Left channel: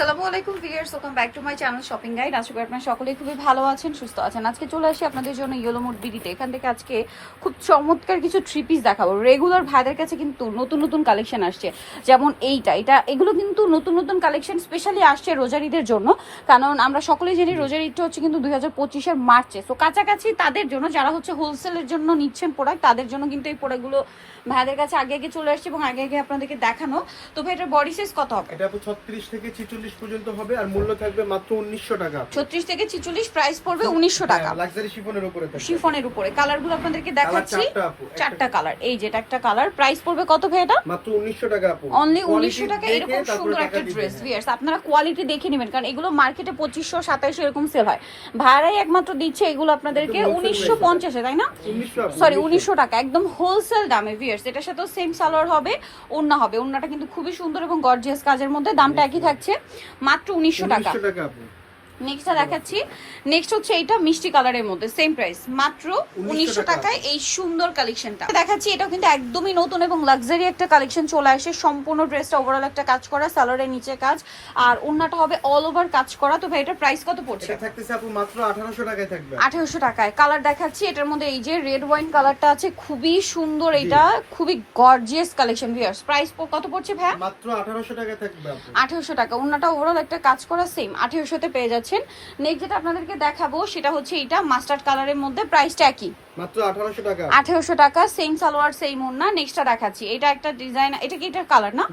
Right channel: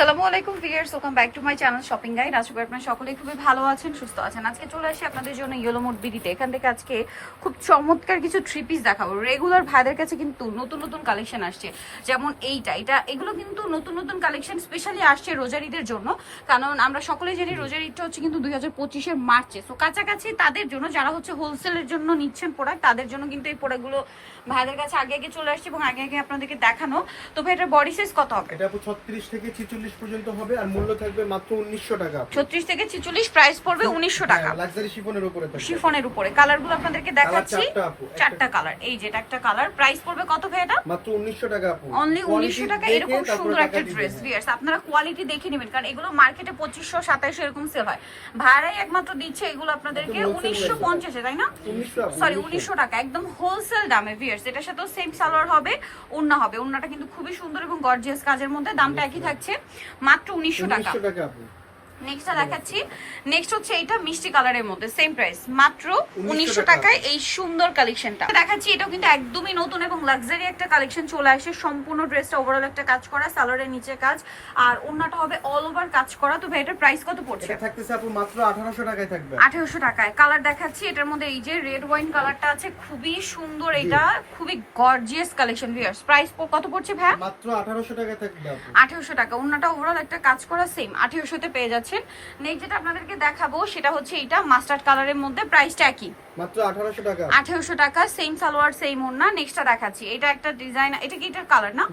আসসালামু আলাইকুম viewers, welcome back to my channel shopping guide. আশা করি আপনারা সকলেই খুবই ভালো আছেন, সুস্থ আছেন। আজকে চলে আসি আপনাদের জন্য ইয়েলো মোড বিডিতে। এখান থেকে আজকে খুব চমৎকার কিছু থ্রি পিস দেখাবো। রেগুলার ভাইদের কাছে কিন্তু নতুন নতুন কালেকশন আসছে, যেমন এগুলো কিন্তু নতুন নতুন কালেকশন স্পেশালি আসছে রোজার ঈদের জন্য। কারণ আমরা সকলেই জানি রোজার ঈদটা হচ্ছে কিন্তু 2025-এর মার্চে। তো কাছাকাছি তাদের জন্য যারা হচ্ছে হোলসেলের জন্য নিচ্ছেন প্রোডাক্ট, তাদের জন্য কিন্তু এই প্রোডাক্টগুলো ভাইদের কাছে আগে আগে চলে আসছে এবং আগে আগে আপনাদেরকে দেখানো। তো ভাই এটার বডি সাইজ কত হবে? এটা 36 থেকে 46 পর্যন্ত হবে আর মূল্য থাকবে মাত্র 1900 টাকা। 36 থেকে 46, প্রাইস পড়বে 1900 টাকা। লাক্সারি শিফনের উপরে থাকবে। শিফনের উপরে কালারগুলো আপনাদেরকে দেখাচ্ছি, চারটা কালার। এই যে একটা কালার, প্রাইস পড়বে কত ভাই এটা? মাত্র 1900 টাকা আপু। অনলি 1900 টাকা। এরকম সুন্দর একটা ড্রেস ভিউয়ার্স, আপনারা কোয়ালিটি দেখে নেবেন, কারণ এগুলো মার্কেটে 2500 2700 এরকম সেল হয়। ভাড়াই একমাত্র দিচ্ছে এগুলো আপনাদেরকে 1950 এ, তাই না? সরি 1900 টাকা, একদম হোলসেল দামে ভিউয়ার্স। এটার সাথে সেম সালোয়ার হবে, ওড়না হবে। ওড়নাটা কিন্তু খুবই সুন্দর এবং গর্জিয়াস কাজের মধ্যে। দামটা একই থাকছে, মাত্র 1900 টাকা। নেক্সটটা দেখাচ্ছি। নেক্সট হচ্ছে এটা মিষ্টি কালারের মধ্যে, সেম প্রাইস, মাত্র 1900 টাকায় এই সুন্দর কালেকশনটা দেখাচ্ছি। এটাও কিন্তু একদমই নতুন এবং লাক্সারি একটা কালেকশন চলে আসে। সম্পূর্ণ ড্রেসটা ওভারঅল একটা কাজ করা, সালোয়ারের নিচে কাজ আর ওড়নাটা হবে অল ওভার কাজ করা। তো ভাই এটার প্রাইস কত পড়ছে? এটা থাকতেছে আপু মাত্র 1800 টাকায় থাকবে। 1800 টাকায়। কালার দেখাচ্ছি, এটার মধ্যে এই যে রেড ওয়াইন কালারটা আছে, খুবই সুন্দর। এটা খুবই গর্জিয়াস কালেকশন ভিউয়ার্স। প্রাইস কত পড়ছে ভাই? মাত্র 1800 টাকায় থাকবে আপু। 1800 টাকা। ওড়নাটা ওভারঅল একটা কাজ করা, সেম 1800 তে পেয়ে যাচ্ছে। নেক্সট যেটা আপনাদেরকে দেখাবো সেটা হচ্ছে এটা মাস্টার্ড কালারের মধ্যে, প্রাইসটা একই, মাত্র 1800 টাকা। 1800 টাকা, সেম সালোয়ার সেম ওড়না। নেক্সটটা দেখাচ্ছি, এটা একটা ডিজাইন, এটা কি এটার কালার না?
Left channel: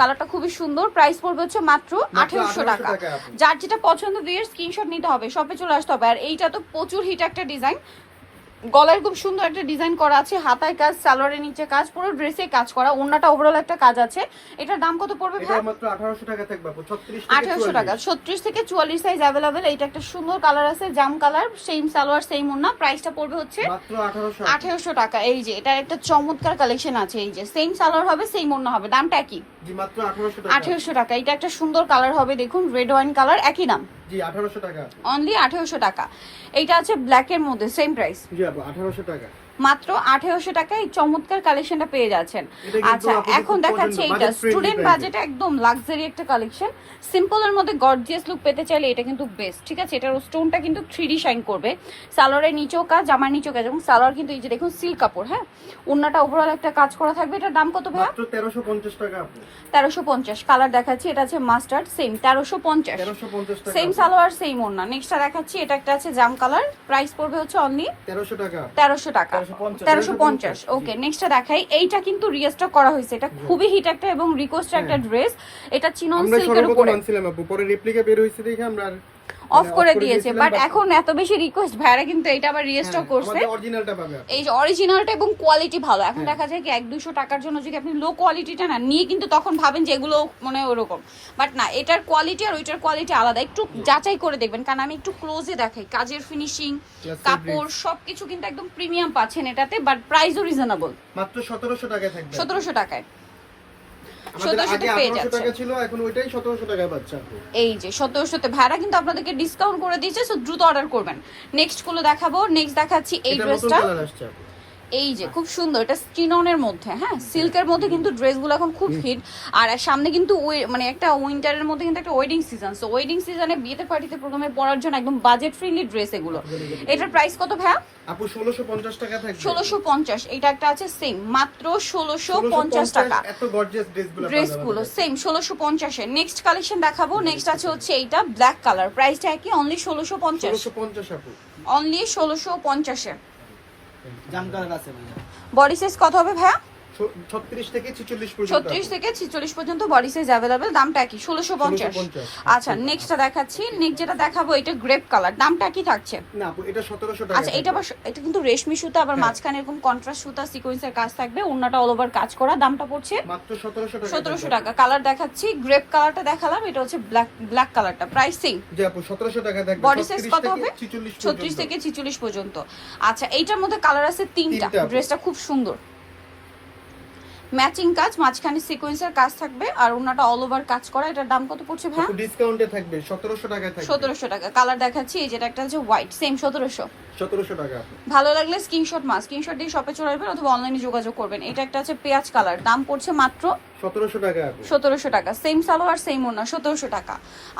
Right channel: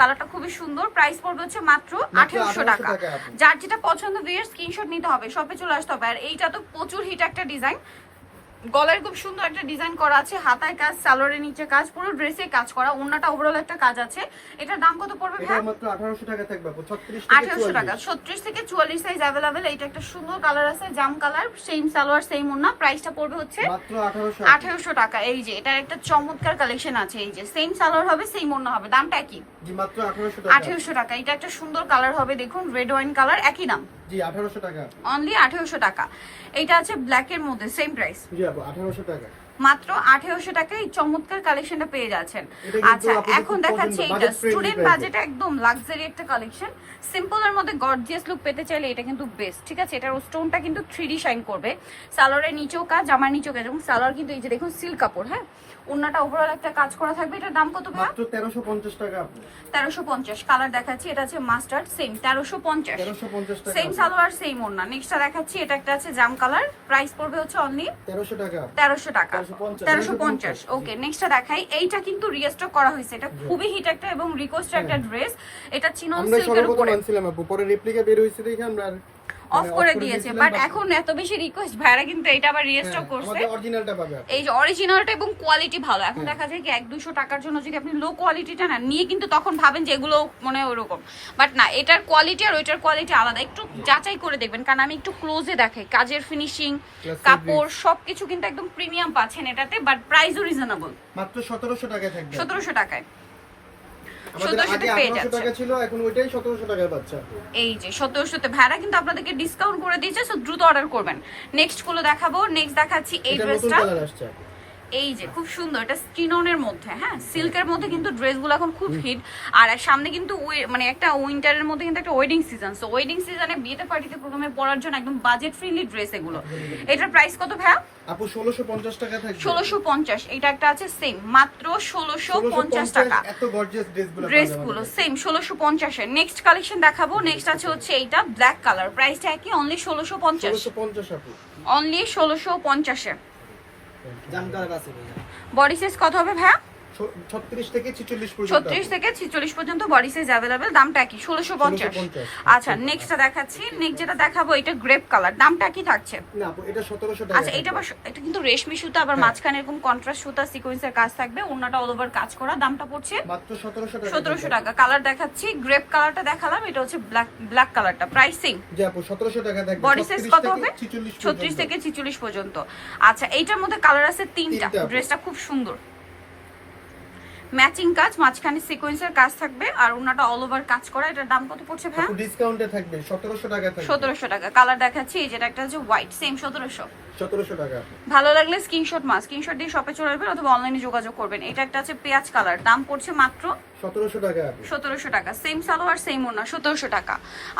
কালারটা খুবই সুন্দর। প্রাইস পড়বে হচ্ছে মাত্র 1800 টাকা। যার যেটা পছন্দ ভিউয়ার স্ক্রিনশট নিতে হবে, শপে চলে আসতে হবে। আর এইটা তো প্রচুর হিট একটা ডিজাইন, গলার খুব সুন্দর একটা ডিজাইন করা আছে, হাতায় কাজ, সালোয়ারের নিচে কাজ, পুরো ড্রেসে কাজ করা, ওড়নাটা ওভারঅল একটা কাজ আছে। এটার দাম কত পড়বে? এটা মাত্র 1800 টাকা থাকবে আপু। 1800 টাকা। 36 থেকে 44 সাইজ अवेलेबल। এটা একটা সুন্দর কালার আছে, জাম কালার, সেম সালোয়ার সেম ওড়না। প্রাইসটা পড়বে হচ্ছে মাত্র 1800 টাকা। এই যে এটার একটা চমৎকার কালেকশন আছে, এই যে সেম সালোয়ার হবে সেম ওড়না হবে, দামটা একই, জি মাত্র 1800 টাকা। 1800 টাকা। এটা একটা সুন্দর কালার হবে, দেখুন রেড ওয়াইন কালার, একই দাম, জি 1800 টাকা। অনলি 1800 টাকা। এইটা আছে ব্ল্যাক এর মধ্যে, সেম প্রাইস, জি আপু 1800 টাকা। মাত্র 1800 টাকায় এই চমৎকার কালেকশনটা পেয়ে যাচ্ছেন। আচ্ছা এখন দেখাচ্ছি এটা স্টুডেন্ট বাজেটে একদম লাক্সারি একটা কালেকশন। সিম্পলের মধ্যে গর্জিয়াস লুক পেতে চাইলে এটা কিন্তু বেস্ট, ঠিক আছে? এটার স্টোনটা কিন্তু 3D শাইন করবে, সালোয়ারের নিচেও কাজ, জামার নিচেও কাজ, এবং সালোয়ার কিন্তু এই যে দেখুন সিল্ক কাপড়। হ্যাঁ, ওন্নাটা ওভারঅল একটা কাজ করা থাকবে। এটার দাম কত ভাই? মাত্র 1350 টাকা আপু। 1350। কালার দেখাচ্ছি, এটা আছে মাস্টার্ড, সেম 1350। 1350 টাকা, সেম সালোয়ার সেম ওন্না। নেক্সটটা দেখাচ্ছি, এটা একটা আছে জাম কালার, প্রাইস পড়বে হচ্ছে অনলি 1300 টাকা। 1300 টাকা, 1350। ওকে, নেক্সটটা দেখাই। এইটা কিন্তু রিস্টক করা হয়েছে, এটা খুবই হিট একটা এবং রিকোয়েস্টেড একটা ড্রেস। এটা চিনন সিল্কের উপরে আনছিলাম আপু, পরে রেপ্লিকা বের হইছে দেখে আমরা অফ করে দিয়েছে, বাট এখন এত বেশি রিকোয়েস্ট ভাইরা কিন্তু এটা আবার রিস্টক করছে। আমাদের অরিজিনালটা পাবে, এই যে অরিজিনালটা এবং কোয়ালিটি ভালো। এখন দেখা যায় কি 100-200 টাকার জন্য যদি আপনি লো কোয়ালিটিটা না নিয়ে, কিন্তু তখন ভাবেন যে এগুলো মানে ওরকম, বাট না, এটার কোয়ালিটি আর ওইটার কোয়ালিটি আলাদা। একটু যাচাই করে দেখবেন, কারণ আমি একটু ক্লোজে দেখাই, কাজের ফিনিশিং, কাপড় সবকিছু কিন্তু একদম প্রিমিয়াম পাচ্ছেন এটাতে, বাট প্রাইসও রিজনেবল, মাত্র 1700 টাকায় থাকবে। 1700 টাকায়। আমাদের আগে 1800 টাকা ছিল, এখন ওইটাই 1700 টাকায় পাচ্ছেন। এই যে 1700 তে ভাড়া কিন্তু আপনাদেরকে ডিসকাউন্ট করে দিয়েছে, সো দ্রুত অর্ডার করবেন। নেক্সট গুলো দেখাবো। নেক্সট দেখাচ্ছি এই ড্রেসটা, এই যে খুব সুন্দর, এটা স্টিননের মধ্যে, হ্যাঁ সিল্কের মধ্যে কিন্তু ড্রেসগুলো এখন খুব হিট। আর সামনে কিন্তু মানে একটা উইন্টারের মধ্যে কিন্তু একটা ওয়েডিং সিজন, সো ওয়েডিং সিজনে বিয়েতে পার্টিতে প্রথমে পরার জন্য একদম বাজেট ফ্রেন্ডলি ড্রেস এগুলো। এটার প্রাইস কত ভাইয়া? আপু 1650 টাকা থাকবে। 1650। এটা একটা আছে সেম, মাত্র 1650 টাকা। এত গর্জিয়াস ড্রেসগুলো সেম 1650 এর। নেক্সট কালেকশন দেখাবো। নেক্সট আছে হচ্ছে এইটা ব্ল্যাক কালার, প্রাইসটা কি অনলি 1650। 1650 আপু, অনলি 1650 এ। জাম কালার আছে। বডি সাইজ কত হবে ভাইয়া? 36 থেকে 46 পর্যন্ত। 36 থেকে 46 পর্যন্ত বডি সাইজ अवेलेबल। দামটা কি? 1650। আচ্ছা নেক্সটটা দেখাচ্ছি। নেক্সট যেটা দেখাবো এটা গ্রেপ কালার, দামটা কি থাকছে? না আপু এটা 1700 টাকা। আচ্ছা এটা কিন্তু রেশমি সুতা, আবার মাঝখানে এরকম কন্ট্রাস্ট সুতা সিকোয়েন্সের কাজ থাকবে, ওন্নাটা অল ওভার কাজ করা। দামটা পড়ছে মাত্র 1700 টাকা। 1700 টাকা। কালার দেখাচ্ছি, গ্রেপ কালারটা দেখালাম, এটা হচ্ছে ব্ল্যাক কালারটা, প্রাইসিং জি আপু 1700 টাকা থাকবে। বডি সাইজ কত হবে? 36 থেকে 46 পর্যন্ত। আচ্ছা এইটার মধ্যে কালার আছে তিনটা। ড্রেসটা খুব সুন্দর, ম্যাচিং কাজ, মাঝখানে সিকোয়েন্সের কাজ থাকবে আর ওন্নাটা অল ওভার কাজ করা। এটার দাম কত পড়ছে ভাই? ডিসকাউন্টে থাকবে 1700 টাকা থাকবে। 1700 টাকা। কালার দেখাচ্ছি, এই যেটা একটা হচ্ছে হোয়াইট, সেম 1700। 1700 টাকা। ভালো লাগলে স্ক্রিনশট দিয়ে শপে চলে আসবেন অথবা অনলাইনে যোগাযোগ করবেন। এটা একটা আছে পেঁয়াজ কালার, দাম পড়ছে মাত্র 1700 টাকা। 1700 টাকা, সেম সালোয়ার সেম ওড়না, 1700 টাকা।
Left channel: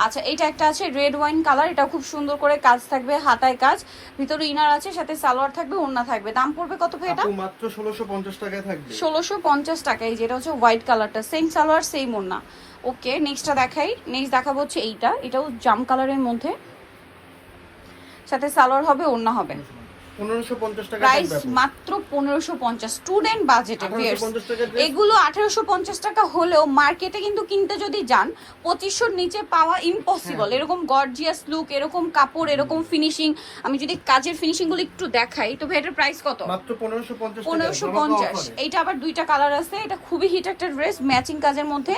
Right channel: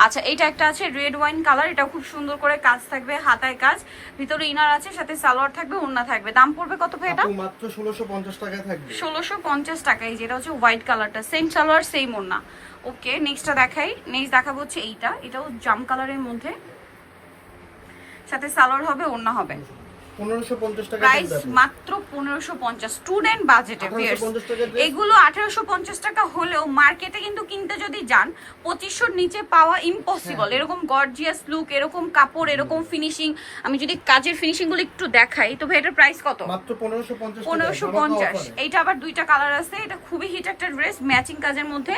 আচ্ছা এটা একটা আছে রেড ওয়াইন কালার, এটা খুব সুন্দর করে কাজ থাকবে, হাতায় কাজ, ভিতরে ইনার আছে, সাথে সালোয়ার থাকবে, ওড়না থাকবে। দাম পড়বে কত ভাই এটা? আপু মাত্র 1650 টাকায় থাকবে। 1650 টাকা। এই যেটা হচ্ছে হোয়াইট কালারটা, সেম সালোয়ার সেম ওড়না। ওকে নেক্সটটা দেখাই। নেক্সট দেখাবো হচ্ছে এইটা, এটাও জাম কালারের মধ্যে, সাথে সালোয়ার হবে, ওড়না হবে। 1550 টাকা প্রাইস থাকবে। মাত্র 1550, স্টুডেন্ট বাজেটে। 1850 টাকা ড্রেস। এগুলো 1850 টাকা হলেও মার্কেটে কিন্তু কিনতে যদি যান 2500 নিচে পাওয়া ইম্পসিবল। এরকম গর্জিয়াস লুক, এরকম কাপড়, এরকম ফিনিশিং, আমি যদি কাজের ফিনিশিং গুলো একটু দেখাই তো এটার প্রাইস কত? মাত্র 1550 টাকা। 1550। এইটা আবার দুইটা কালার আছে, এটা খুবই হিট একটা ড্রেস, ম্যাচিং কাজের মধ্যে,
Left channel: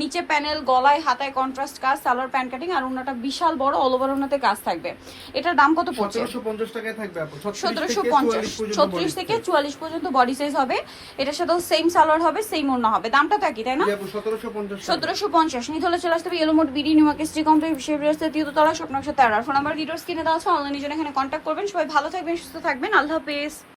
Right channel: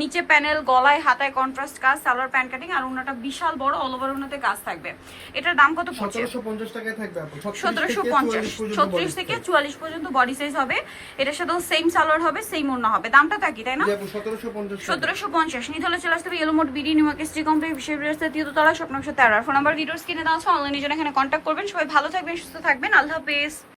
নিচে প্যানেল, গলায় হাতায় কন্ট্রাস্ট কাজ, সালোয়ার প্যান্ট কাটিং, আর ওনাটা বিশাল বড় অল ওভার ওনাতে কাজ থাকবে। এটার দাম কত পড়ছে? 1750 টাকায় থাকবে আপু। 1750, 36 থেকে 44 পর্যন্ত বডি সাইজ হবে। এটার সাথে সেম সালোয়ার হবে, সেম ওড়না হবে। দামটা তো একই তাই না? 1750। 1750 নিতে হলে চলে আসতে হবে yellow mode BD new market street complex, বিশেষ রাস্তা, তৃতীয়তলা, স্বপ্ন 113। ফোন নাম্বার ভিডিওস কিনে দেওয়া আছে, অনলাইনে জন্য এখানে কন্ট্যাক্ট করবেন। সবাই ভালো থাকবেন, সুস্থ থাকবেন, আল্লাহ হাফেজ।